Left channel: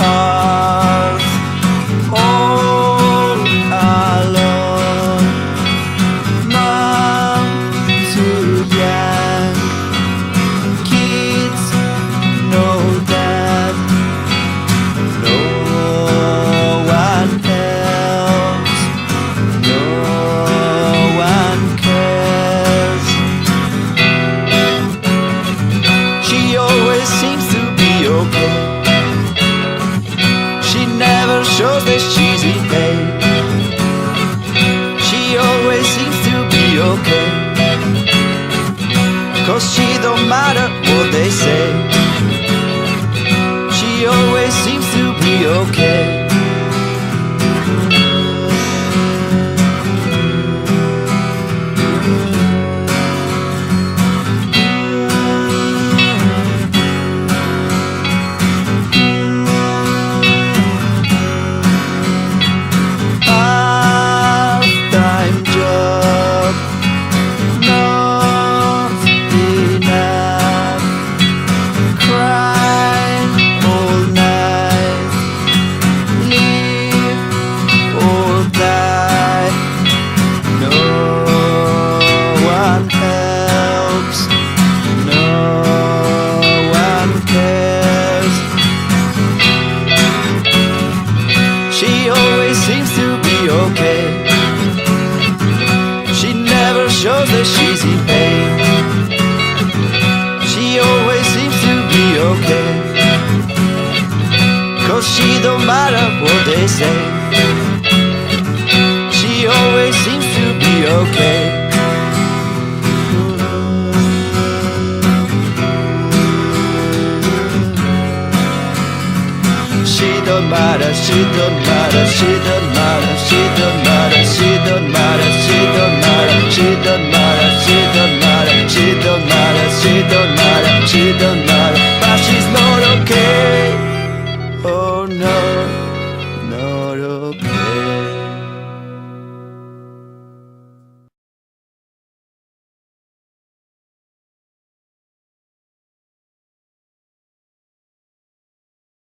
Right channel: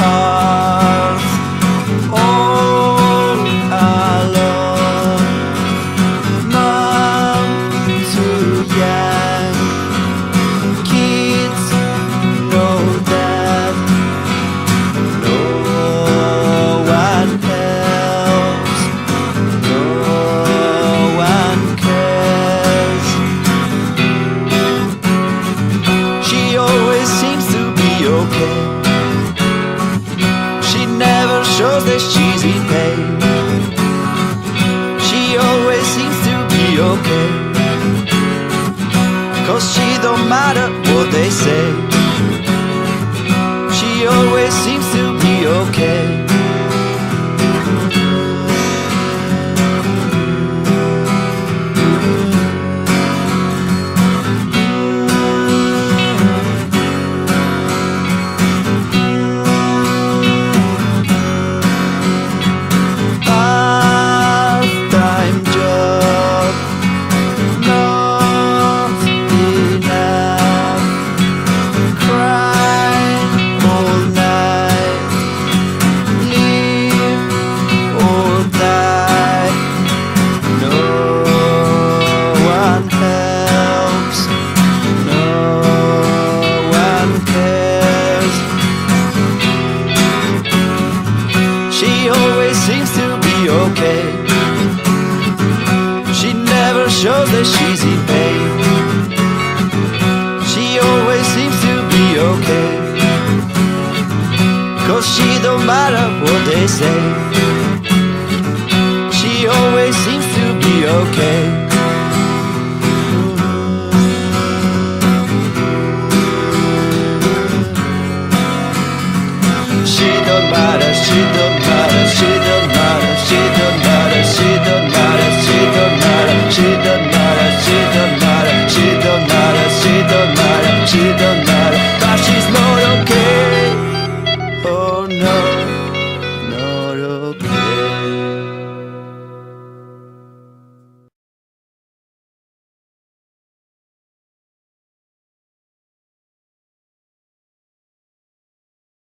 heart all alone. Mom too young, kids know that no one helps, no one cares. She always seems to be okay. She never shows that she's in pain. She always seems to be okay, 'cause she don't matter what they say. She always seems to be okay. Part-time job, not enough. Crying all night, live or die. No one helps, no one cares. She always seems to be okay. She never shows that she's in pain. She always seems to be okay, 'cause she don't matter what they say. She always seems to be okay. She don't matter, she don't matter, she don't matter, she don't matter, she don't matter, she don't matter, she don't matter, she don't matter, she don't matter, she don't matter, she don't matter, but she